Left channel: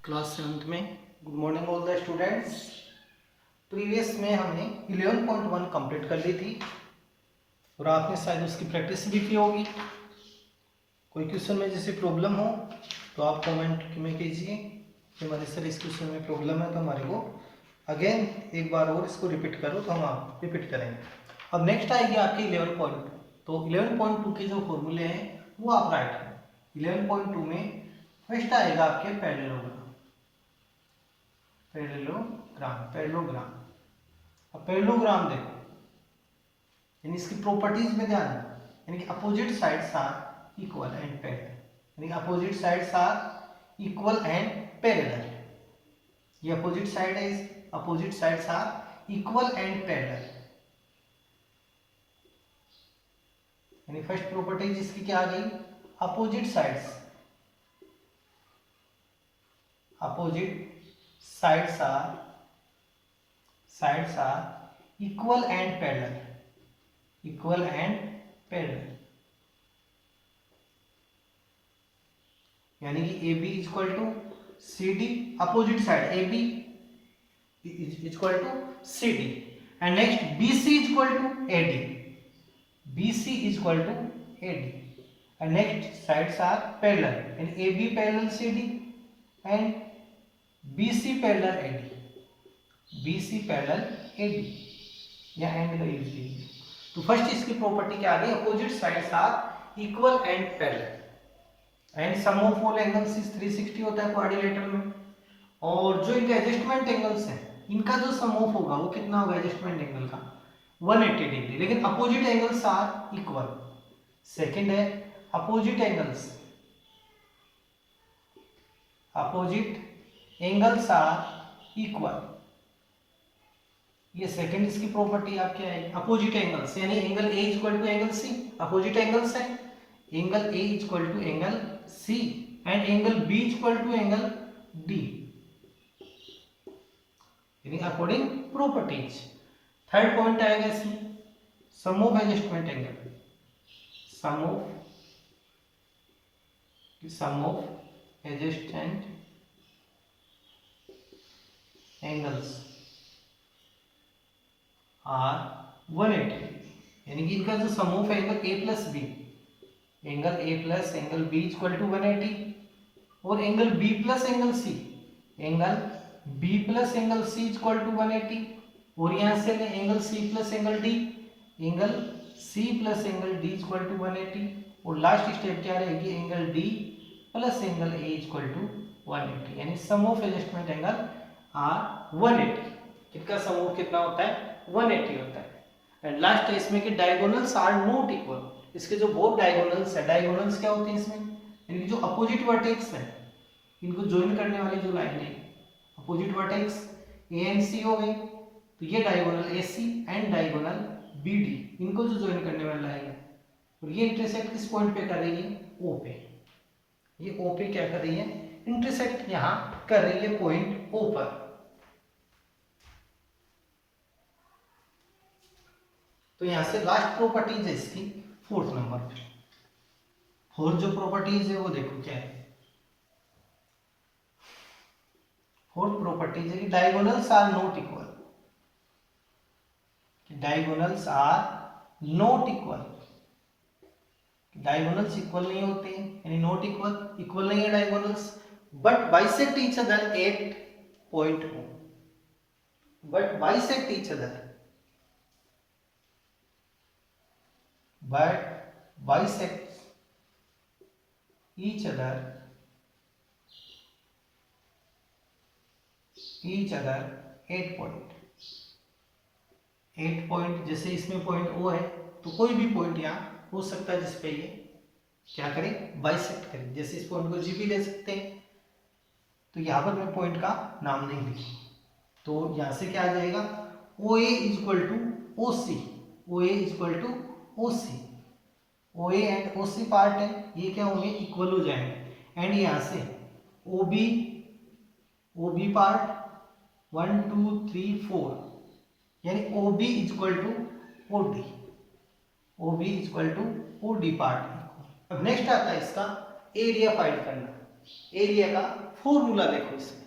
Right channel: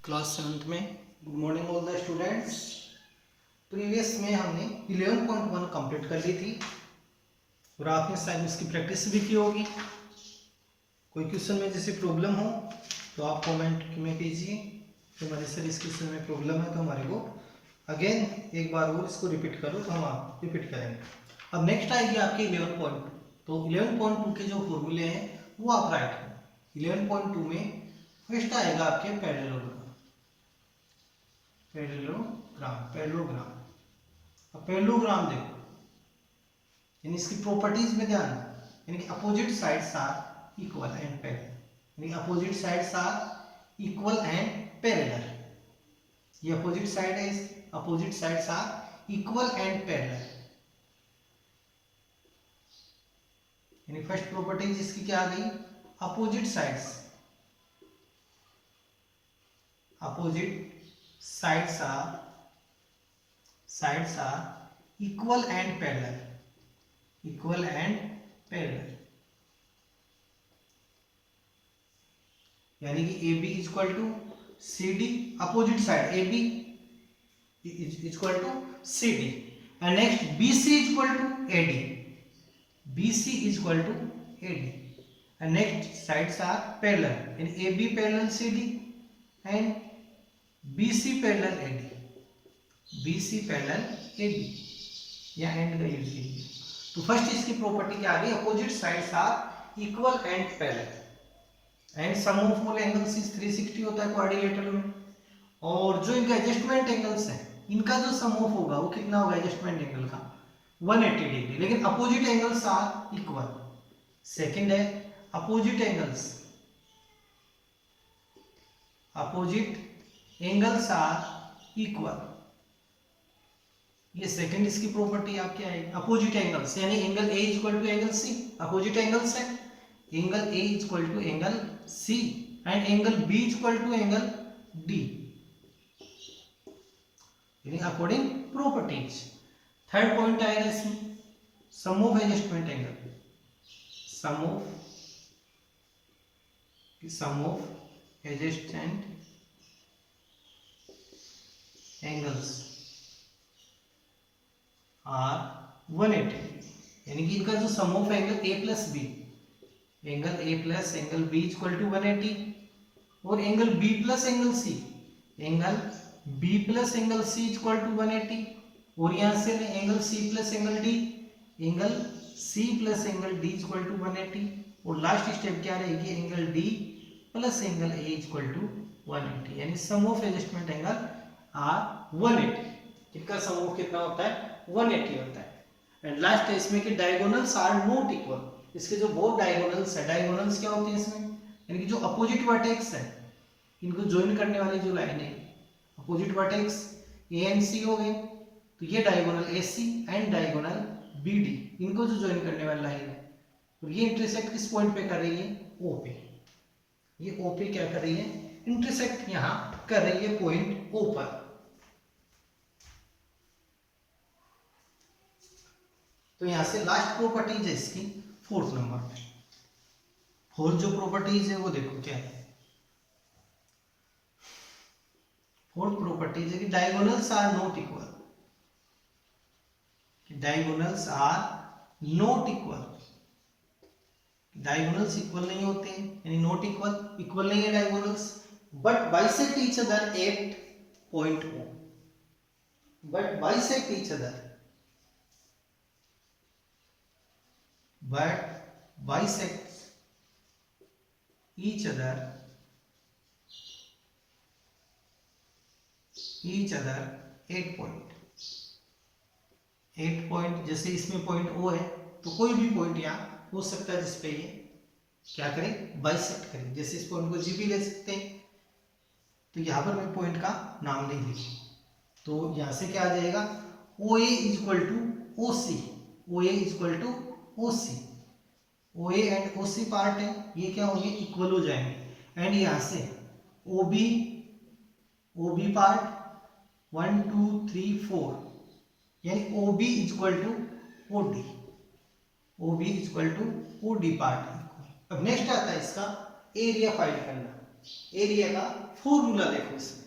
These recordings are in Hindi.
क्लास 7th में। Good morning all the students. Previous में हमने 11.1 कंप्लीट कर ली थी और आपने शायद उसकी प्रैक्टिस भी की होगी। कोई क्वेश्चन में जैसे प्रॉब्लम हो तो आप कमेंट में कीजिए कि हमारे सर इस क्वेश्चन में प्रॉब्लम है, तो हमारे को अगेन एक बार और इसको रिपीट करो, तो हम आप रिपीट करेंगे। अब नेक्स्ट आएगी आपकी 11.2। तो 11.2 के जो फॉर्मूले हैं वो आप राइट करें। 11.2 में फर्स्ट आएगा आपके पैरेललोग्राम। पैरेललोग्राम। अब पैरेललोग्राम देखो, यानी इसकी प्रॉपर्टीज में ध्यान दो, यानी कि opposite sides are equal and parallel, यानी opposite sides are equal and parallel. ये अपोजिट साइड है, opposite sides are equal and parallel. यानी फर्स्ट प्रॉपर्टीज इसकी क्या आ गई? Opposite sides are equal and parallel. यानी कि AB equal to CD, opposite side AB equal to CD, and next BC equal to AD, and next sides are parallel, यानी AB parallel CD and BC parallel AD, या एंड का यूज कीजिए। तो फर्स्ट इसकी प्रॉपर्टी क्या आ गई? Opposite sides are equal and parallel, and sum of all angles is 360 होता है क्वाड्रिलेटरल में। और जो इनका एडजस्टमेंट एंगल्स है, इनका जो सम ऑफ होगा वो कितना होगा एडजस्टमेंट एंगल का? 180 डिग्री। लेकिन opposite angles are equal. Second है अपोजिट एंगल्स आर इक्वल। ये सेकंड इसकी प्रॉपर्टी आप क्या है? अपोजिट एंगल्स, यानी angle A equal to angle C, opposite angles है। Angle A equal to angle C and angle B equal to angle D, यानी अकॉर्डिंग प्रॉपर्टीज। थर्ड पॉइंट आएगा इसमें sum of adjustment angle, sum of adjacent angles are 180, यानी कि इनका जो sum of angle A plus B, angle A plus angle B equal to 180, और angle B plus angle C, angle B plus angle C equal to 180, और यहां से ले angle C plus angle D, angle C plus angle D equal to 180, और लास्ट स्टेप क्या रहेगी? Angle D plus angle A equal to 180, यानी sum of adjustment angle are 180। किसका सम ऑफ कितना होता है? 180 होता है। एंड लास्ट है इसमें कि डायगोनल्स आर नॉट इक्वल। इसके जो बोथ डायगोनल्स है, डायगोनल्स क्या होते हैं इसमें? यानी कि जो अपोजिट वर्टेक्स है, इनको ज्वाइन करने वाली जो लाइन है, अपोजिट वर्टेक्स ए एंड सी हो गई, तो ये diagonal AC and diagonal BD, इनको जो ज्वाइन करने वाली लाइन है, और ये इंटरसेक्ट किस पॉइंट पे कर रही है? O पे। ये O पे क्या कर रही है? इंटरसेक्ट यहां कर रही है पॉइंट O पर। तो यहां से लास्ट प्रॉपर्टीज है इसकी फोर्थ नंबर पे। फोर्थ जो प्रॉपर्टीज है वो देखो क्या है। फोर्थ प्रॉपर्टीज है कि diagonals are not equal, diagonals equal नहीं होते हैं, यानी नॉट इक्वल नहीं है diagonals, but bisect each other at point O, but bisect each other at point. जैसे इसमें पॉइंट O है, तो कोई भी पॉइंट यहाँ हो सकता है जिसपे ये क्या करें? बाइसेक्ट करें। जैसे इस पॉइंट को G भी ले सकते हैं, तो यहाँ पर मैं पॉइंट का नाम नहीं लिखी, तो यहाँ से क्या आ जाएगा? OA equal to OC, OA and OC part है, ये क्या होंगे? इक्वल हो जाएंगे। एंड यहाँ से OB पार्ट 1 2 3 4, यानी OB equal to OD part. अब नेक्स्ट आता है इसका एरिया फाइंड करना। एरिया का फॉर्मूला देखो इसमें,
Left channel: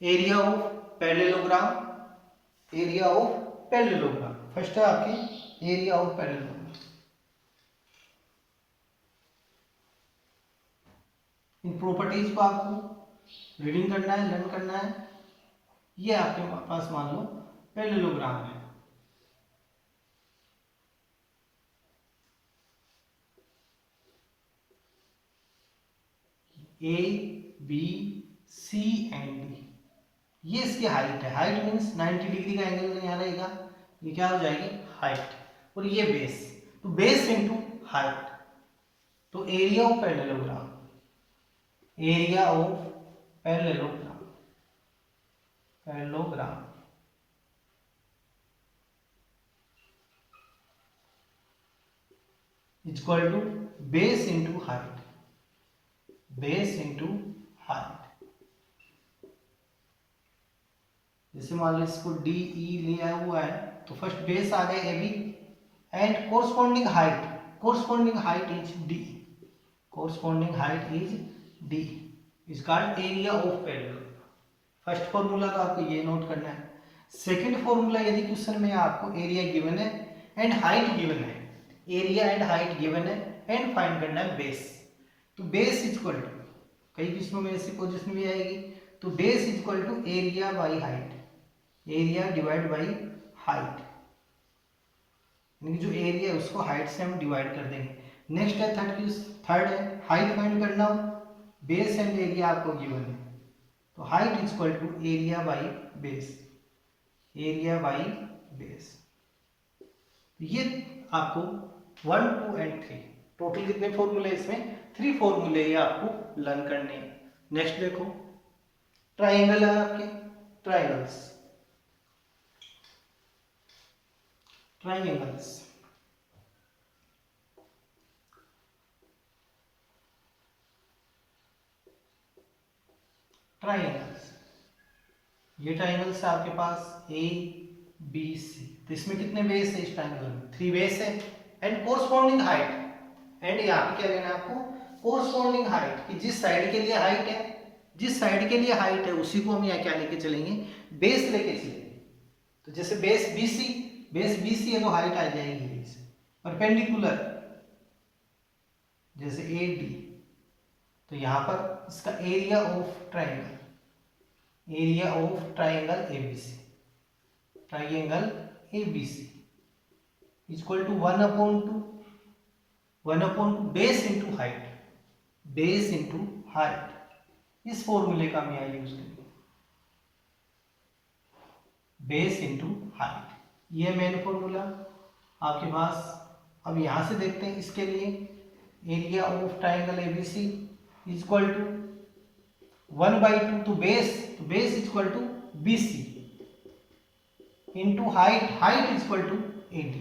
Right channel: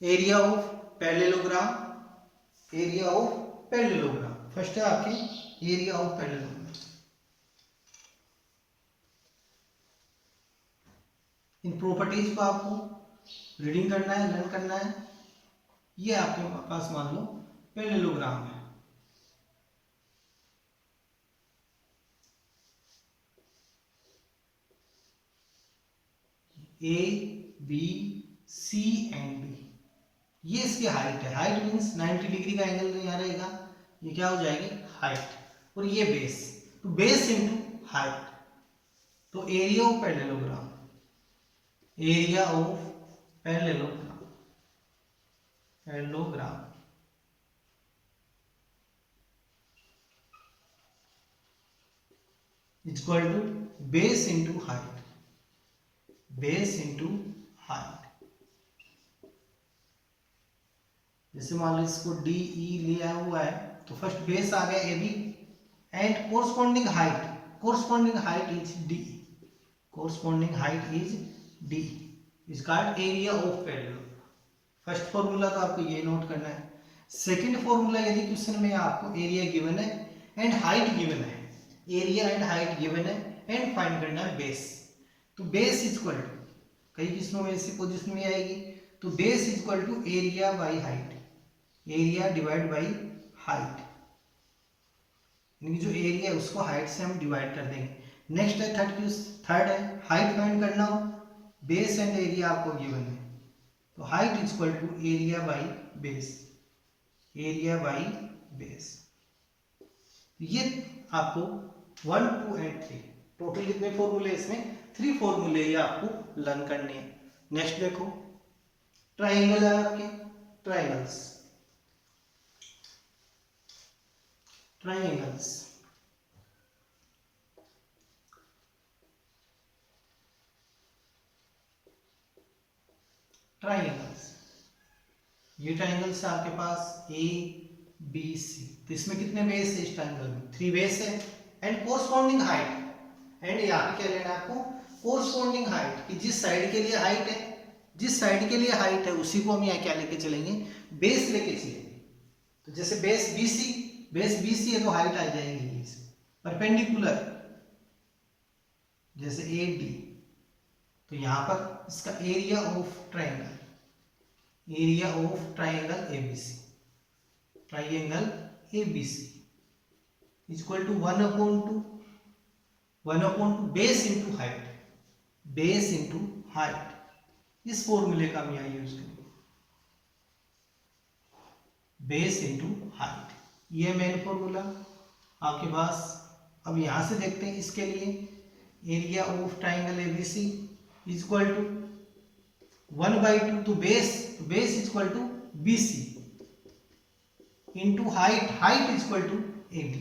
area of parallelogram, area of parallelogram. First है आपकी एरिया ऑफ पैरेललोग्राम। इन प्रॉपर्टीज को आपको रीडिंग करना है, लर्न करना है। ये आपके पास मान लो पैरेललोग्राम है, A B C and D. ये इसकी हाइट है, हाइट मीन्स 90 डिग्री का एंगल यहाँ रहेगा, ये क्या हो जाएगी हाइट, और ये बेस, तो बेस इंटू हाइट। तो area of parallelogram, area of parallelogram, parallelogram is equal to base into height, base into height. जैसे मान लो इसको डी ई लिया हुआ है, तो फर्स्ट बेस आ गया A B and corresponding height, corresponding height is D, corresponding height is D is called area of parallelogram. First formula तो आपको ये नोट करना है। सेकंड फॉर्मूला, यदि क्वेश्चन में आपको एरिया गिवन है एंड हाइट गिवन है, एरिया एंड हाइट गिवन है एंड फाइंड करना है बेस, तो बेस इज इक्वल टू, कई क्वेश्चनों में ऐसी पोजीशन में आएगी, तो base is equal to area by height, area divide by height, यानी जो एरिया है उसको हाइट से हम डिवाइड कर देंगे। नेक्स्ट है थर्ड है हाइट फाइंड करना हो, बेस एंड एरिया आपको गिवन है, तो height is equal to area by base, area by base. ये आपको 1 2 एंड 3 टोटल कितने फॉर्मूले इसमें 3 फॉर्मूले ये आपको लर्न करने हैं। नेक्स्ट देखो ट्राइंगल है आपके, ट्राइंगल्स, ट्राइंगल्स, ट्राइंगल्स, ये ट्राइंगल्स है आपके पास ए बी सी, तो इसमें कितने बेस है इस ट्राइंगल में 3 बेस है एंड कोरस्पॉन्डिंग हाइट, एंड यहाँ पे क्या लेना है आपको कोरस्पॉन्डिंग हाइट, कि जिस साइड के लिए हाइट है, जिस साइड के लिए हाइट है उसी को हम यहाँ क्या लेके चलेंगे बेस लेके चलेंगे। तो जैसे बेस BC है तो हाइट आ जाएगी इस परपेंडिकुलर, जैसे AD, तो यहाँ पर इसका area of triangle, area of triangle ABC, triangle ABC equal to 1/2 base into height, base into height. इस फॉर्मूले का हम यहाँ यूज करेंगे, बेस इंटू हाइट, ये मेन फॉर्मूला आपके पास। अब यहां से देखते हैं इसके लिए area of triangle ABC is equal to 1/2, तो base is equal to BC into height, height is equal to AD,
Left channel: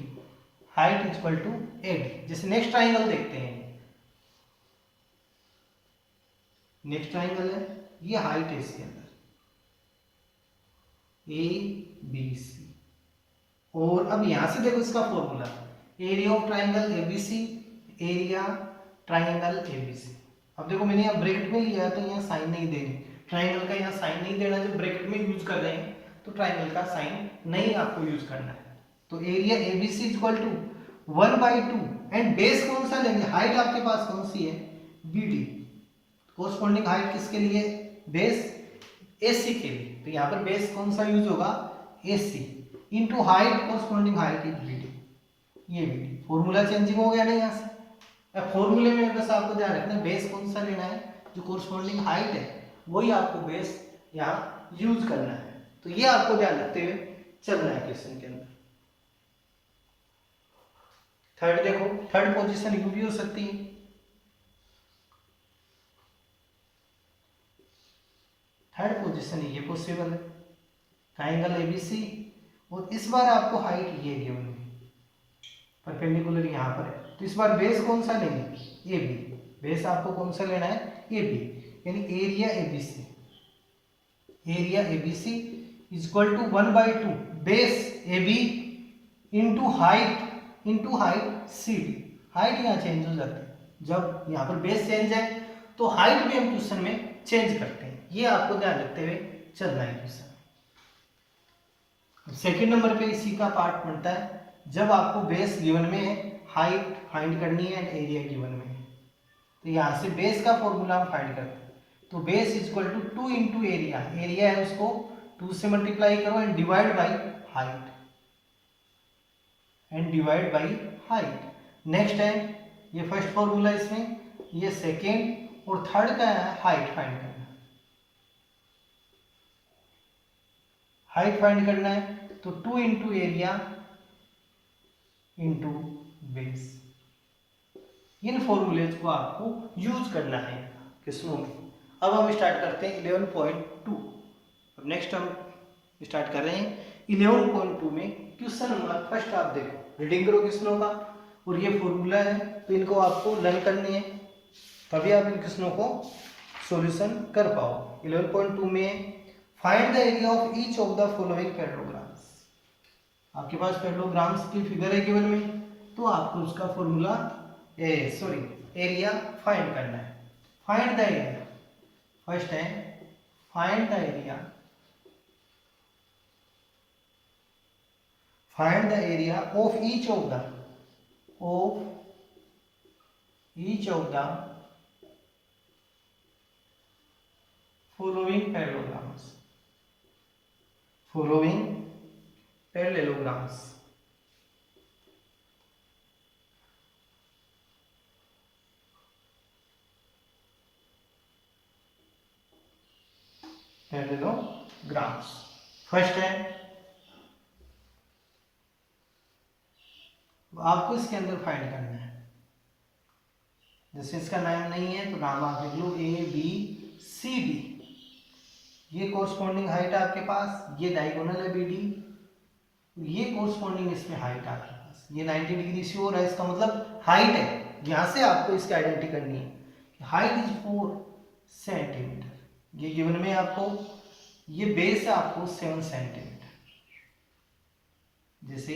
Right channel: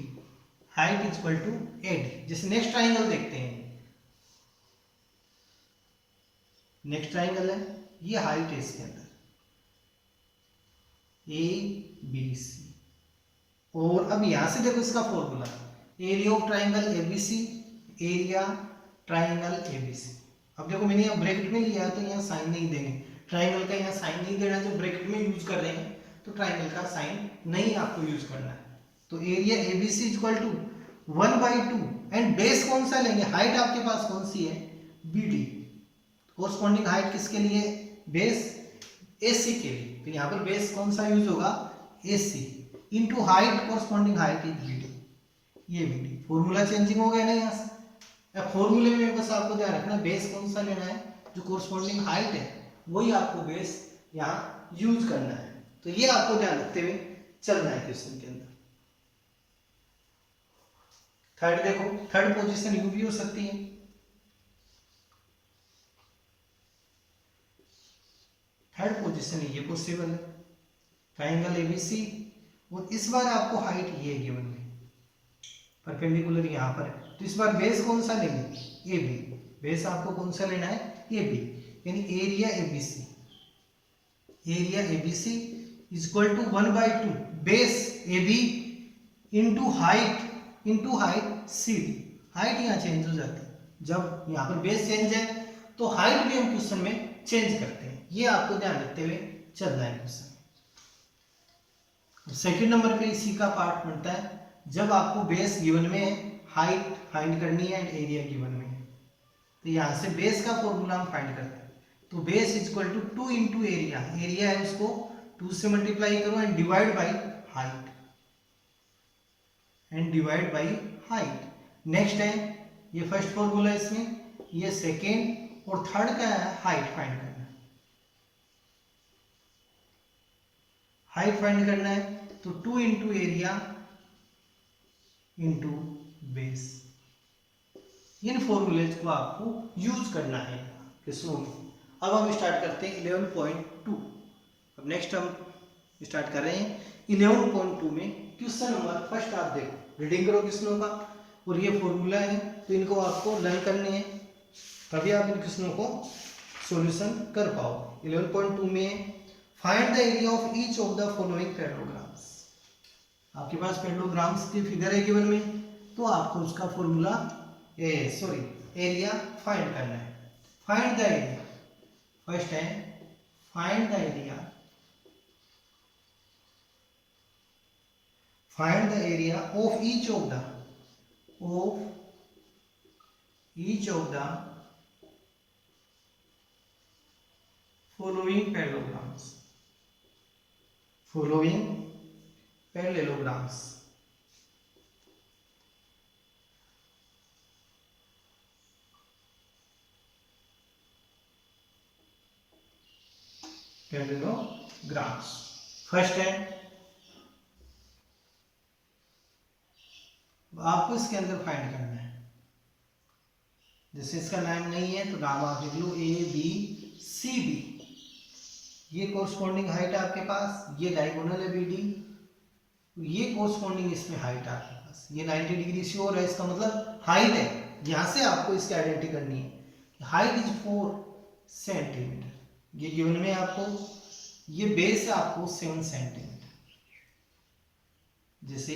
height is equal to AD। जैसे नेक्स्ट ट्राइंगल देखते हैं, नेक्स्ट ट्राइंगल है, ये हाइट है इसके अंदर ABC, और अब यहां से देखो इसका formula area of triangle ABC, area triangle ABC। अब देखो मैंने यहाँ ब्रैकेट में लिया है तो यहाँ साइन नहीं देंगे, ट्राइंगल का यहाँ साइन नहीं देना, जब ब्रैकेट में यूज कर रहे हैं तो ट्राइंगल का साइन नहीं आपको यूज करना है। तो area ABC equal to 1/2 and base कौन सा लेंगे, हाइट आपके पास कौन सी है BD, कोरस्पॉन्डिंग हाइट किसके लिए बेस AC के लिए, तो यहाँ पर बेस कौन सा यूज होगा AC into height, corresponding height is BD, ये BD। फॉर्मूला चेंजिंग हो गया ना यहाँ से, फॉर्मूले में बस आपको ध्यान रखना बेस कौन सा लेना है, जो कोरस्पॉन्डिंग हाइट है वही आपको बेस यहाँ यूज करना है। तो ये आपको ध्यान रखते हुए चलना है क्वेश्चन के अंदर। थर्ड देखो, थर्ड पोजीशन यू भी हो सकती है, थर्ड पोजीशन ये पॉसिबल है, ट्राइंगल ABC, और इस बार आपको हाइट ये गिवन है, परपेंडिकुलर यहाँ पर है, तो इस बार बेस कौन सा लेंगे AB, बेस आपको कौन सा लेना है AB, यानी area ABC, area ABC is equal to 1/2 base AB into height CD। Height यहाँ चेंज हो जाती है, जब यहाँ पर बेस चेंज है तो हाइट भी हम क्वेश्चन में चेंज करते हैं। ये आपको ध्यान रखते हुए चलना है क्वेश्चन। सेकंड नंबर पे इसी का पार्ट बनता है, जब आपको बेस गिवन में है, हाइट फाइंड करनी है एंड एरिया गिवन में है, तो यहाँ से बेस का फॉर्मूला हम फाइंड करते हैं। तो base equal to 2 into area, area है उसको 2 से मल्टीप्लाई करो and divide by height, and divide by height. Next है ये फर्स्ट फॉर्मूला, इसमें ये सेकेंड और थर्ड का है हाइट फाइंड करना। हाइट फाइंड करना है तो 2 इंटू एरिया इंटू बेस। इन फॉर्मूलेज को आपको यूज करना है क्वेश्चनों में। अब हम स्टार्ट करते हैं 11.2। अब नेक्स्ट हम स्टार्ट कर रहे हैं 11.2 में। क्वेश्चन नंबर फर्स्ट आप देखो, रीडिंग करो क्वेश्चनों का, और ये फॉर्मूला है तो इनको आपको लर्न करनी है, तभी आप इन क्वेश्चनों को सॉल्यूशन कर पाओ। 11.2 में find the area of each of the following parallelograms. आपके पास पैरेललोग्राम्स की फिगर है गिवन में, तो आपको उसका फॉर्मूला एरिया फाइंड करना है। फाइंड द एरिया, फर्स्ट है find the area, find the area of each of the following parallelograms, following parallelograms। Parallelograms first है, आपको इसके अंदर फाइंड करना है। जैसे इसका नाम नहीं है तो नाम आप लिख लो ए बी सी डी। ये कोरस्पॉन्डिंग हाइट है आपके पास, ये डायगोनल है बी डी, ये कोरस्पॉन्डिंग इसमें हाइट है आपके पास, ये 90 डिग्री से हो रहा है, इसका मतलब हाइट है। यहां से आपको इसकी आइडेंटिटी करनी है। हाइट इज 4 सेंटीमीटर, ये गिवन में आपको, ये बेस है आपको 7 सेंटीमीटर। जैसे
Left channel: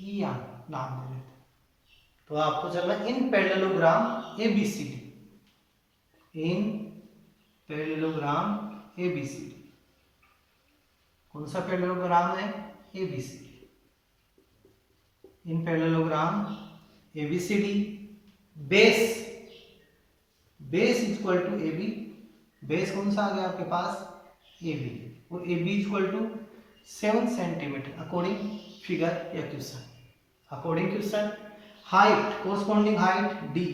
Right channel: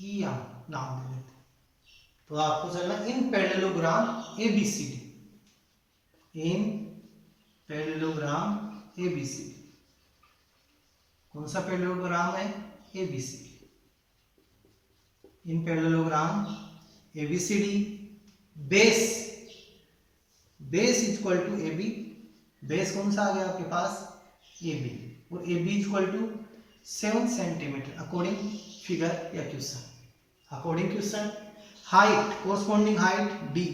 ई नाम दे देते, तो आपको चलना in parallelogram ABCD, in parallelogram ABCD. कौन सा पैरेललोग्राम है? ABCD. In parallelogram ABCD base equal to AB, base कौन सा आ गया आपके पास? एबी, और AB equal to 7 centimetre according figure या question. According question height, corresponding height D,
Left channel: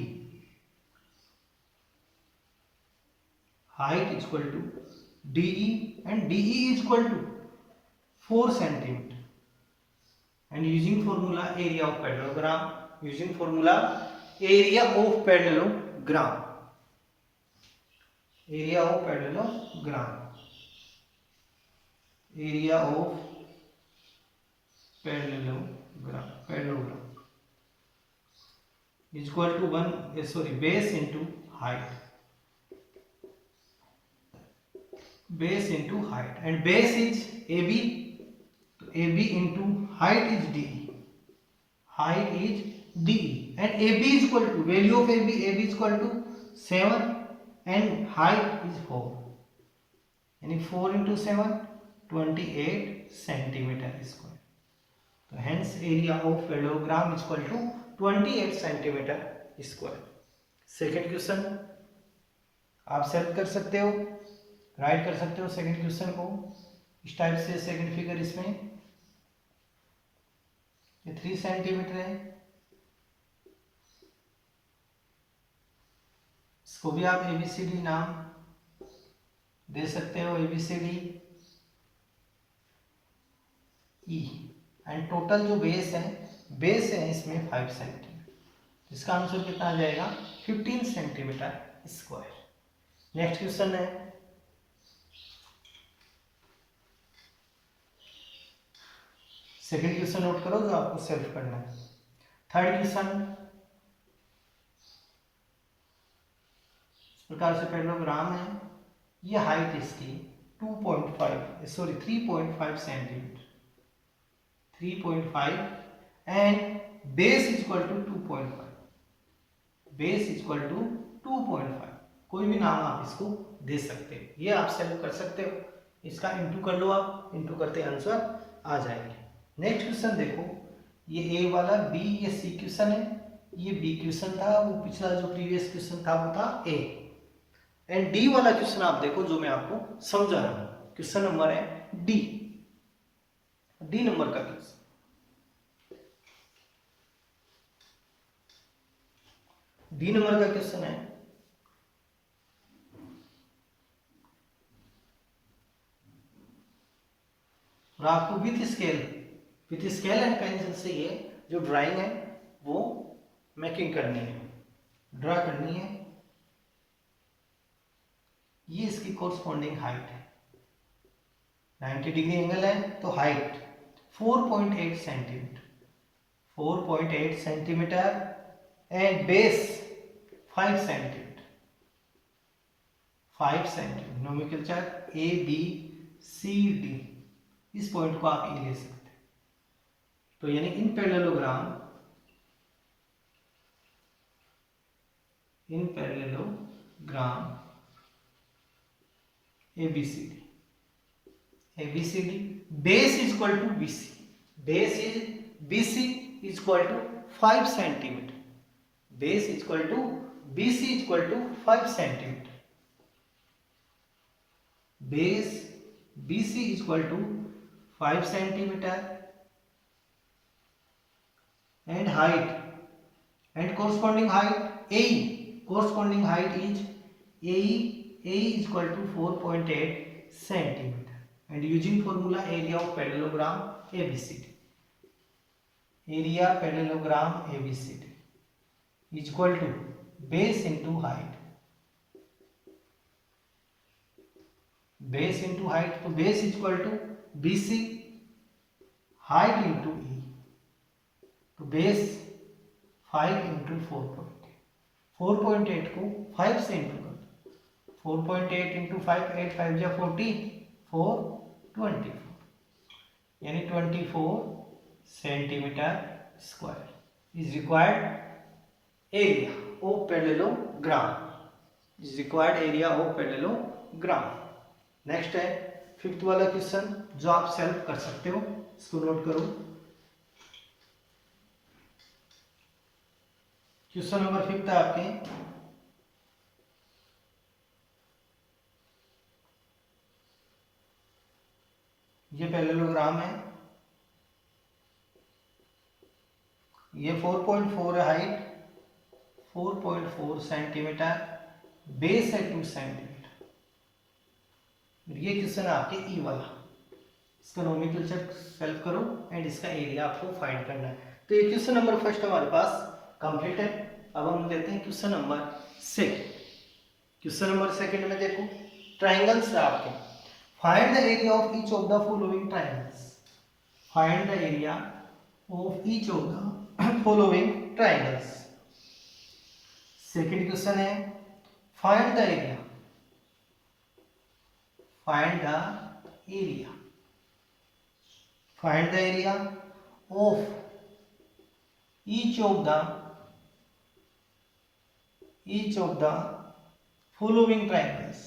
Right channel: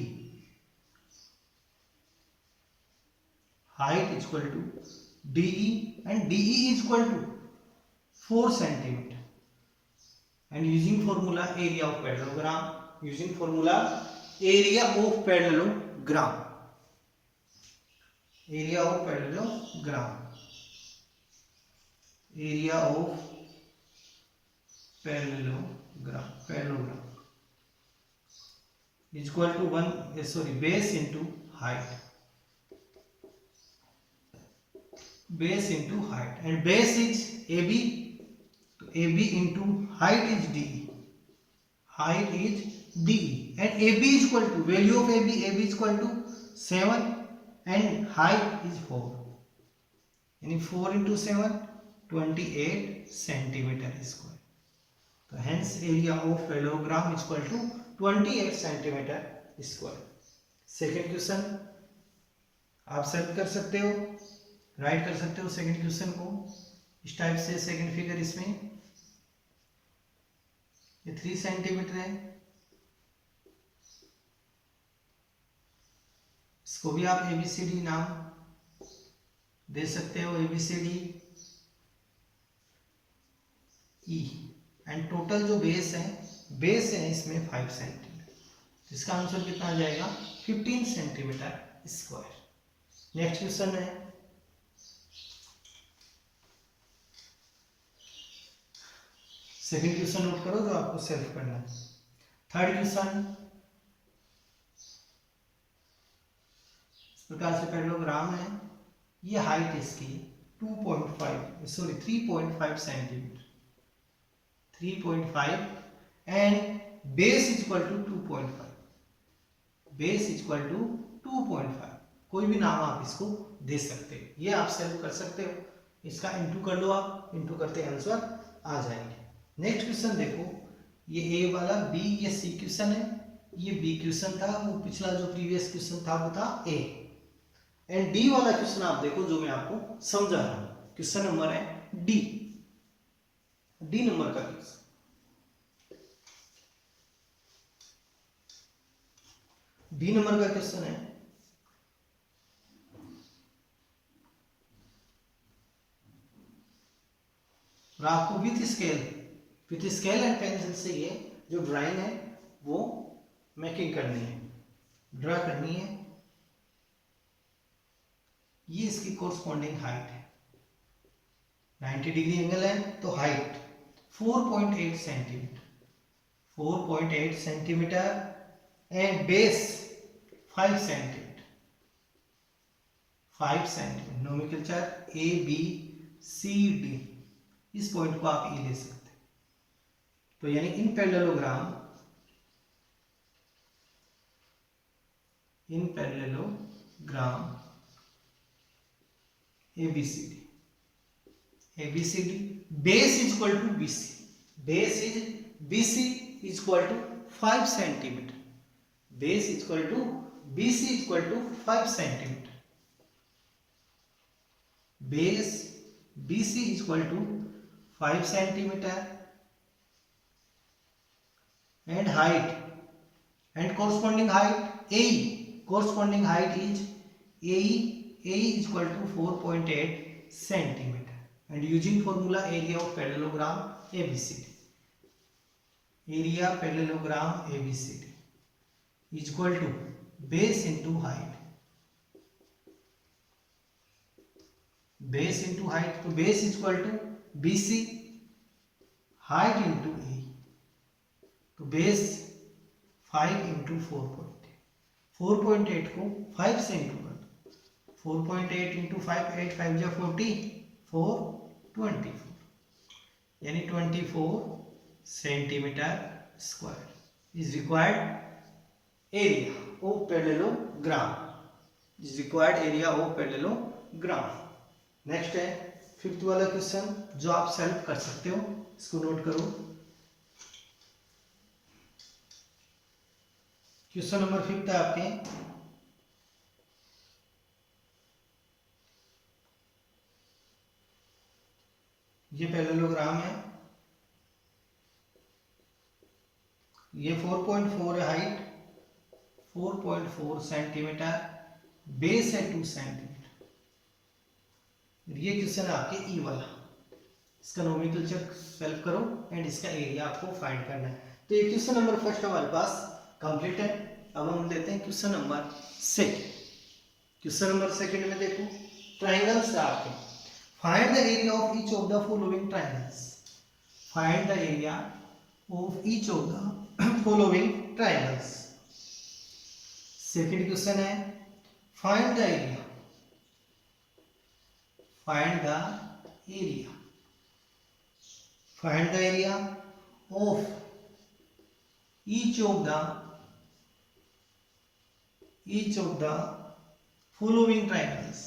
height equal to DE, and DE is equal to 4 centimetre, and using formula area of parallelogram, using formula area of parallelogram, area of parallelogram, area of parallelogram is equal to base into height, base into height, and base is AB, so AB into height is DE, height is DE, and AB is equal to value of AB is equal to 7 and height is 4, यानी 4 into 7 28 सेंटीमीटर स्क्वायर। तो hence area of parallelogram is equal to 28 centimetre square. Second question आप सॉल्व कर सकते हो, राइट कर सकते हो सेकेंड क्वेश्चन को इस टाइप से। सेकेंड फिगर इसमें ये 3 सेंटीमीटर है, इसको भी आप एबीसीडी नाम दे सकते हो, एबीसीडी ई, एंड टोटल जो बेस है इसमें 5 सेंटीमीटर, तो इसका आंसर कितना आ जाएगा? 15 सेंटीमीटर स्क्वायर। नेक्स्ट क्वेश्चन है सेकंड क्वेश्चन नोट करो जो आपको सॉल्व करना है। थर्ड क्वेश्चन इस प्रकार से पैरेललोग्राम है, ये हाइट इसकी 3.5 centimetre, 3.5 and base equal to 2.5, base equal to 2.5, कोई भी नाम आप इसको दे सकते हो। ये आप सेल्व कर सकते हो, इसका इंटू कर लो, आप इंटू करते आंसर आ जाएंगे। नेक्स्ट क्वेश्चन देखो, ये ए वाला, बी ये सी क्वेश्चन है, ये बी क्वेश्चन था, वो पिछला जो प्रीवियस क्वेश्चन था वो था ए। एंड डी वाला क्वेश्चन आप देखो जो मैं आपको समझा रहा हूं, क्वेश्चन नंबर है डी, डी नंबर का क्वेश्चन। डी नंबर का क्वेश्चन है, और आपको विथ स्केल एंड पेंसिल से ये जो ड्राइंग है वो मेकिंग करनी है, ड्रा करनी है। ये इसकी कोरस्पॉन्डिंग हाइट है, 90 डिग्री एंगल है तो height 4.8 centimetre, 4.8 centimetre and base 5 centimetre, 5 centimetre. Nomenclature A B C D, इस पॉइंट को आप ए ले सकते हैं। तो यानी in parallelogram ABCD, base is equal to BC, base is BC is equal to 5 centimeter, base is equal to BC is equal to 5 centimeter, base BC is equal to 5 centimeter and height and corresponding height AE, corresponding height is AE is equal to 4.8 centimeter and using formula area of parallelogram ABCD, area parallelogram ABCD is equal to base into height, base into height, तो base is equal to BC, height into E, तो base 5 into 4.8 को 5 से इंटू कर दो, 4.8 इंटू 5, 8 5 जा 40, 4 24, यानी 24 centimetre square is required area of parallelogram, is required area of parallelogram. Next है फिफ्थ वाला क्वेश्चन जो आप सॉल्व कर सकते हो, इसको नोट करो। क्वेश्चन नंबर 5 है आपके, ये पैरेललोग्राम है, ये 4.4 है हाइट, 4.4 सेंटीमीटर, बेस है 2 सेंटीमीटर। ये क्वेश्चन आपके ई वाला, इसका नोमेनक्लेचर सॉल्व करो एंड इसका एरिया आपको फाइंड करना है। तो ये क्वेश्चन नंबर फर्स्ट हमारे पास कंप्लीट है। अब हम देते हैं question number second. Question number second में देखो ट्रायंगल्स है आपके, find the area of each of the following triangles, find the area of each of the following triangles. Second question है find the area, find the area, find the area of each of the following triangles,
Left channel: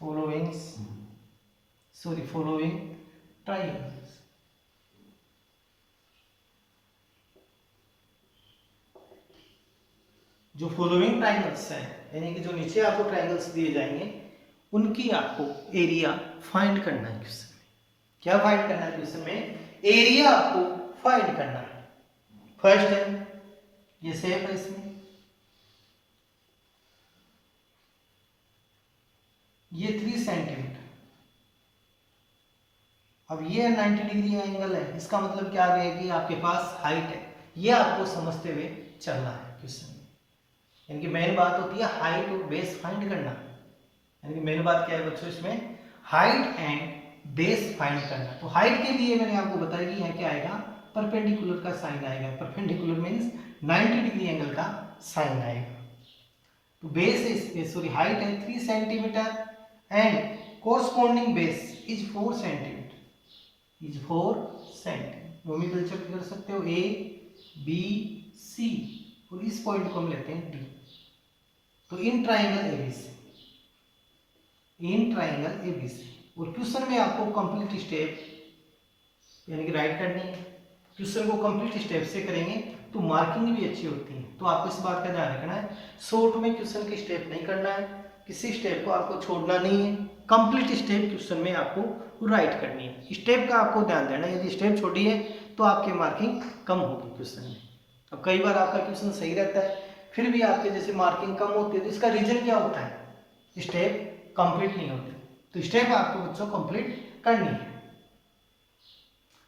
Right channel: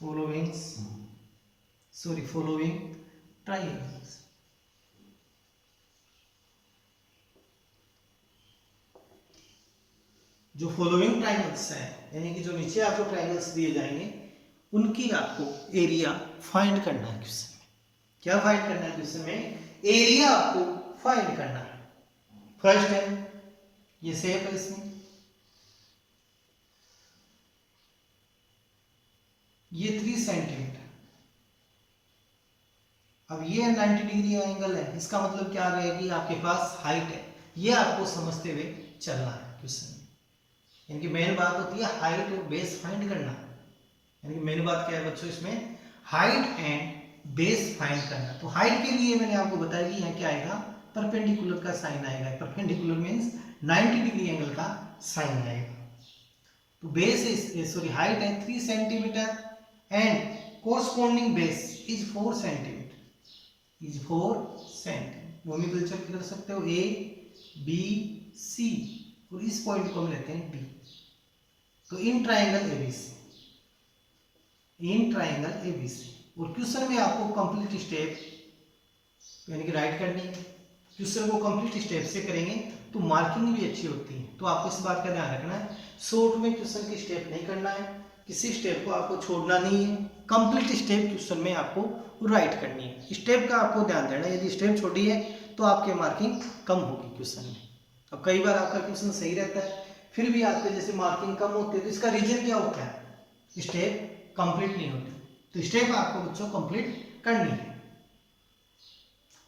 following triangles। जो फॉलोइंग ट्रायंगल्स हैं यानी कि जो नीचे आपको ट्रायंगल्स दिए जाएंगे उनकी आपको एरिया फाइंड करना है क्वेश्चन में। क्या फाइंड करना है क्वेश्चन में? एरिया आपको फाइंड करना है। फर्स्ट है ये शेप है, इसमें ये 3 सेंटीमीटर, अब ये 90 डिग्री एंगल है, इसका मतलब क्या आ गया कि आपके पास हाइट है, ये आपको समझते हुए चलना है क्वेश्चन में। यानी कि मेन बात होती है हाइट और बेस फाइंड करना, यानी कि मेन बात क्या है बच्चों इसमें, हाइट एंड बेस फाइंड करना। तो हाइट के लिए मैंने आपको बताया कि यहाँ क्या आएगा, परपेंडिकुलर का साइन आएगा, परपेंडिकुलर मींस 90 डिग्री एंगल का साइन आएगा। तो बेस इज सॉरी हाइट है 3 centimetre and corresponding base is 4 centimetre, is 4 centimetre. Nomenclature कर सकते हो A B C और इस पॉइंट को हम लेते हैं डी। तो in triangle ABC, in triangle ABC. और क्वेश्चन में आपको कंप्लीट स्टेप यानी कि राइट करनी है। क्वेश्चन को कंप्लीट स्टेप से करेंगे तो मार्किंग भी अच्छी होती है। तो आपको इस बात का ध्यान रखना है, शॉर्ट में क्वेश्चन की स्टेप नहीं करना है, किसी स्टेप को आपको छोड़ना नहीं है। कंप्लीट स्टेप क्वेश्चन में आपको राइट करनी है। स्टेप का आपको ध्यान देना है, यदि स्टेप छोटी है तो आपकी मार्किंग कम होगी क्वेश्चन में। अब कई बार आपका क्वेश्चन सही रहता है फिर भी आपके जैसे मार्किंग कम होती है, तो इसका रीजन क्या होता है? स्टेप कंप्लीट नहीं होती। तो स्टेप आपको बच्चों कंप्लीट करनी है।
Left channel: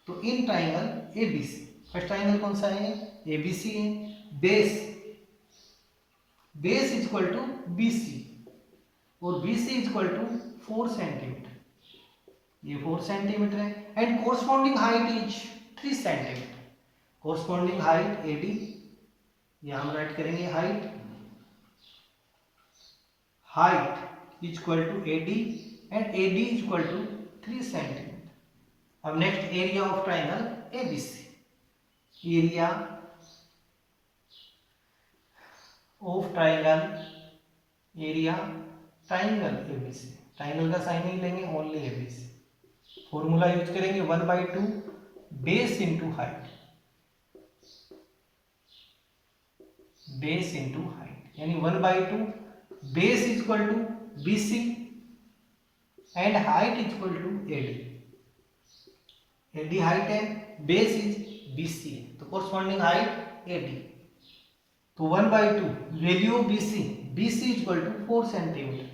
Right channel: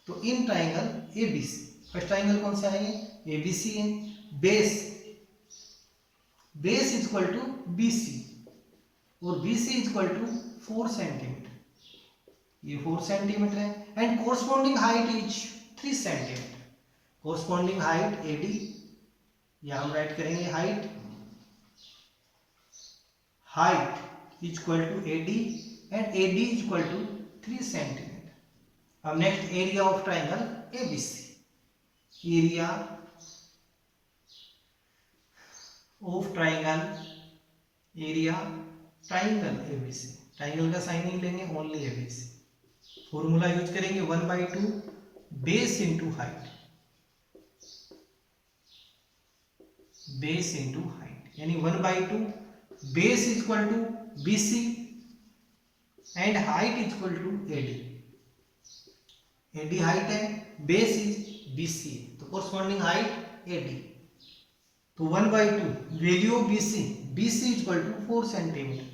तो in triangle ABC, first triangle कौन सा है? एबीसी है। Base, base is equal to BC और BC is equal to 4 centimetre, ये 4 सेंटीमीटर है। And corresponding height is 3 centimetre. Corresponding height AD, यहां हम राइट करेंगे height, height is equal to AD and AD is equal to 3 centimetre. अब next area of triangle ABC, area of triangle, area triangle ABC. Triangle का साइन नहीं लेंगे, ओनली एबीसी। फॉर्मूला यूज करेंगे 1/2 base into height, base into height यानी 1/2 base is equal to BC and height is equal to AD. AD height है, बेस इज बीसी है, तो कोरस्पॉन्डिंग हाइट एडी। तो 1/2 value of BC, BC is equal to 4 centimetre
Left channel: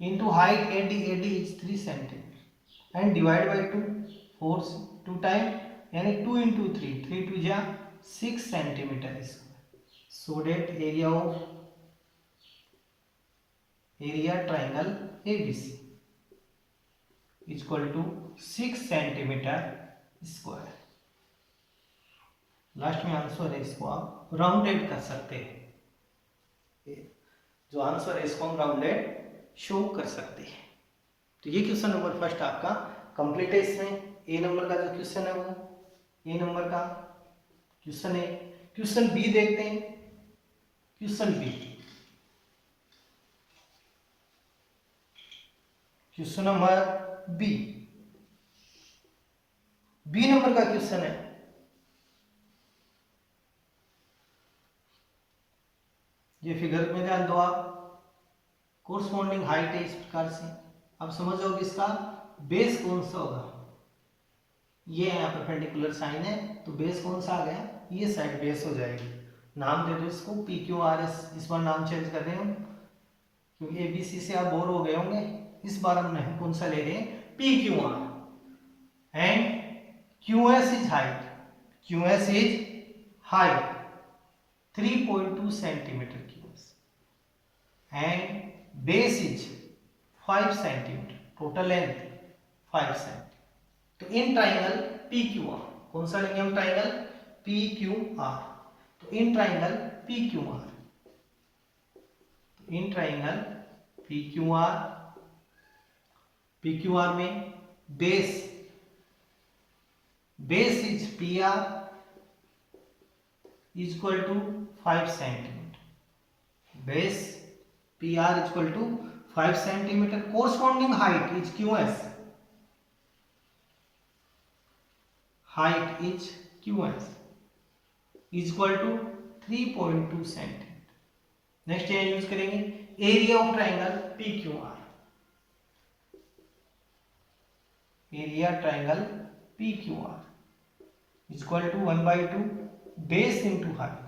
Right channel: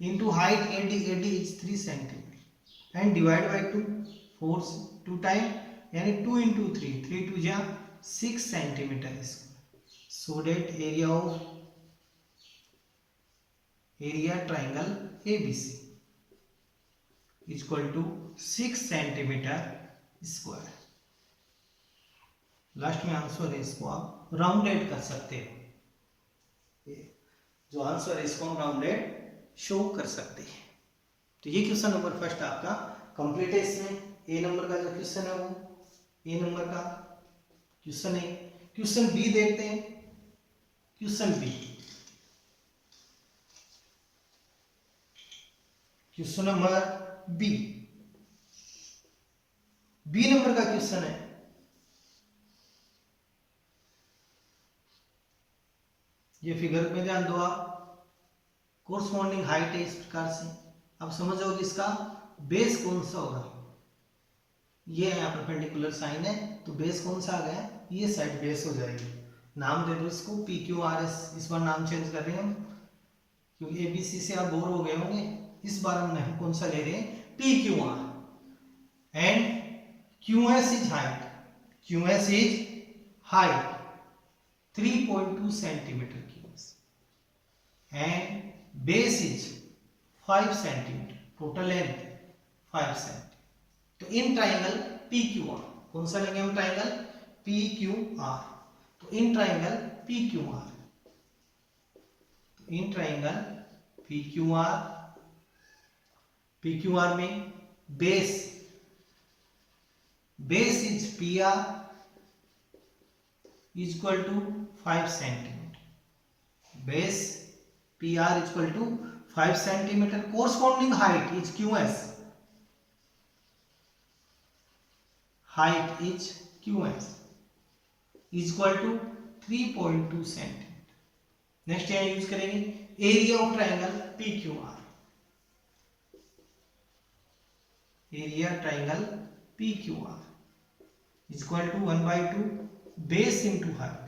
into height AD, AD is 3 centimetre and divide by 2, 4 2 time यानी 2 इंटू 3, 3 2 जा 6 centimetre square. So that area of, area triangle ABC is equal to 6 centimetre square. Last में आंसर है, इसको आप राउंडेड कर सकते हो। जो आंसर है इसको हम राउंडेड शो कर सकते हैं। तो ये क्वेश्चन नंबर फर्स्ट आपका कंप्लीट है। इसमें ए नंबर का जो क्वेश्चन है वो ए नंबर का क्वेश्चन है। क्वेश्चन बी देखते हैं। Question B, question number B, B number का क्वेश्चन है। ये फिगर में ध्यान दो आप, कोरस्पॉन्डिंग हाइट है इस प्रकार से। आप समझ जाओगे इसका बेस कौन सा होगा। ये है यहाँ पर परपेंडिकुलर साइन है, तो बेस कौन सा आ गया, ये साइड बेस हो जाएगी। नाम दे दो इसको पी क्यू आर एस। इस बार नाम चेंज कर रहे हैं हम क्योंकि एबीसी से आप बोर हो गए होंगे। इस बार हम कौन सा ले रहे हैं, P Q R and Q S is height, Q S is height 3.2 centimetre cubes and base is 5 centimetre, total length 5 centimetre. तो in triangle P Q R, कौन सा लेंगे हम ट्राइंगल पी क्यू आर। तो in triangle P Q R, in triangle P Q R, P Q R में base, base is P R is equal to 5 centimetre, base P R is equal to 5 centimetre. Corresponding height is Q S, height is Q S is equal to 3.2 centimetre. Next यहां यूज करेंगे area of triangle P Q R, area triangle P Q R is equal to 1/2 base into height,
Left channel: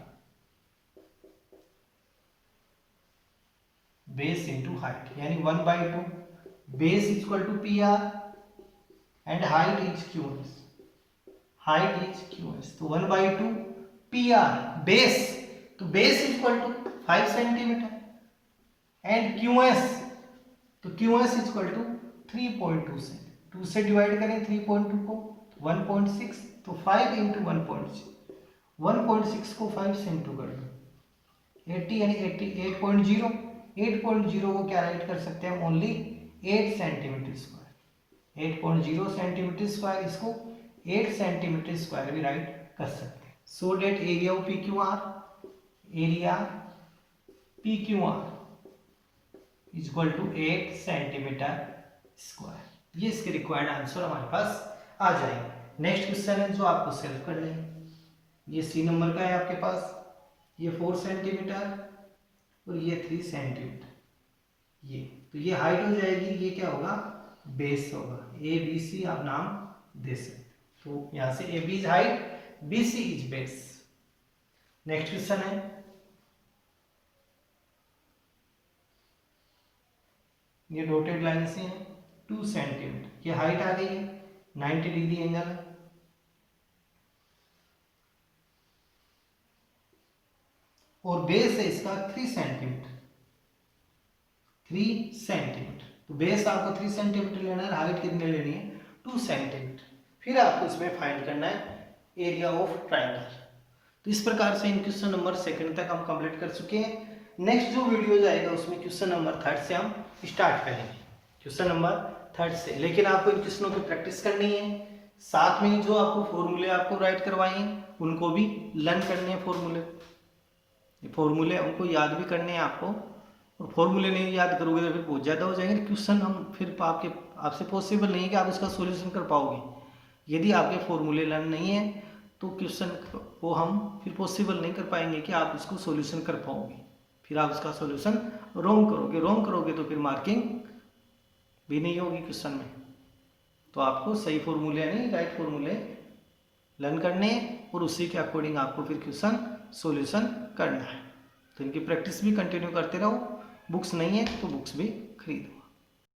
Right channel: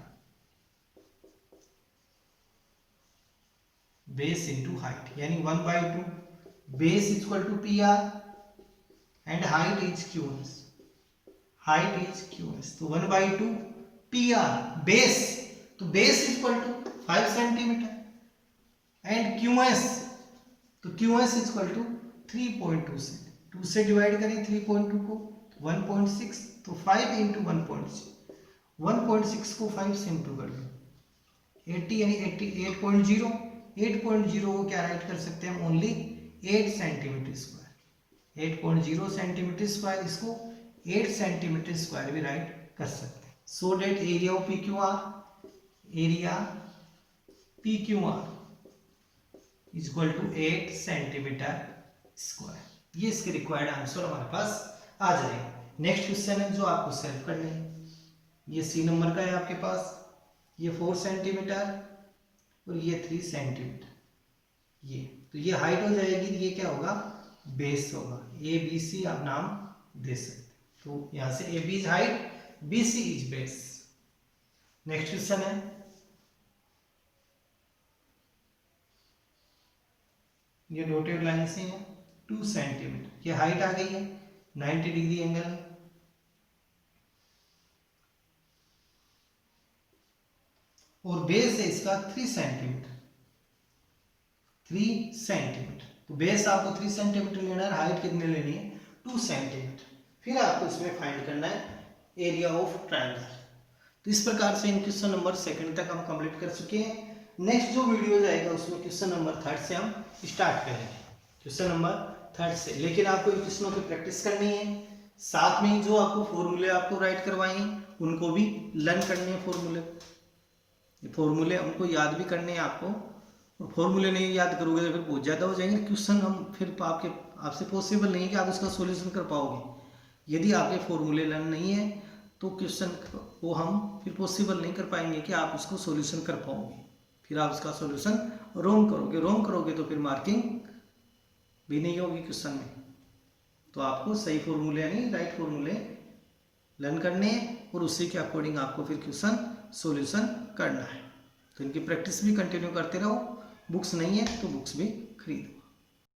base into height यानी 1/2 base is equal to P R and height is Q S, height is Q S. तो 1/2 पी आर बेस, तो base is equal to 5 centimetre and Q S, तो Q S is equal to 3.2 centimetre. 2 से डिवाइड करें 3.2 को 1.6, तो 5 इंटू 1.6, 1.6 को 5 से इंटू कर दो 80 यानी 8.0, 8.0 को क्या राइट कर सकते हैं हम, only 8 centimetre square, 8.0 centimetre square, इसको 8 सेंटीमीटर स्क्वायर भी राइट कर सकते हैं। So that area of P Q R area P Q R is equal to 8 centimetre square. ये इसके रिक्वायर्ड आंसर हमारे पास आ जाएंगे। नेक्स्ट क्वेश्चन है जो आपको सॉल्व करना है। ये सी नंबर का है आपके पास, ये 4 सेंटीमीटर और ये 3 सेंटीमीटर। ये तो ये हाइट हो जाएगी, ये क्या होगा, बेस होगा। ए बी सी आप नाम दे सकते। तो यहां से A B is height, B C is base. Next question है, ये डॉटेड लाइन से है 2 सेंटीमीटर। ये हाइट आ गई है, 90 डिग्री एंगल है। और बेस है इसका 3 सेंटीमीटर। 3 सेंटीमीटर, तो बेस आपको 3 सेंटीमीटर लेना है, हाइट कितनी लेनी है 2 सेंटीमीटर। फिर आपको इसमें फाइंड करना है एरिया ऑफ ट्रायंगल। तो इस प्रकार से इन क्वेश्चन नंबर 2 तक हम कंप्लीट कर चुके हैं। नेक्स्ट जो वीडियो जाएगा उसमें क्वेश्चन नंबर 3 से हम स्टार्ट करेंगे, क्वेश्चन नंबर 3 से। लेकिन आपको इन क्वेश्चनों की प्रैक्टिस करनी है, साथ में जो आपको फॉर्मूले आपको राइट करवाए हैं उनको भी लर्न करने हैं। फॉर्मूले उनको याद भी करने हैं आपको, और फॉर्मूले नहीं याद करोगे तो फिर बहुत ज़्यादा हो जाएंगे क्वेश्चन। हम फिर आपसे पॉसिबल नहीं है कि आप उसका सॉल्यूशन कर पाओगे। यदि आपके फॉर्मूले लर्न नहीं है तो क्वेश्चन को हम फिर पॉसिबल नहीं कर पाएंगे कि आप उसको सॉल्यूशन कर पाओगे। फिर आप उसका सॉल्यूशन रॉन्ग करोगे तो फिर मार्किंग भी नहीं होगी क्वेश्चन में। तो आपको सही फॉर्मूले यानी राइट फॉर्मूले लर्न करने हैं और उसी के अकॉर्डिंग आपको फिर क्वेश्चन सॉल्यूशन करना है। तो इनकी प्रैक्टिस भी कंटिन्यू करते रहो। बुक्स नहीं है तो बुक्स भी खरीदो।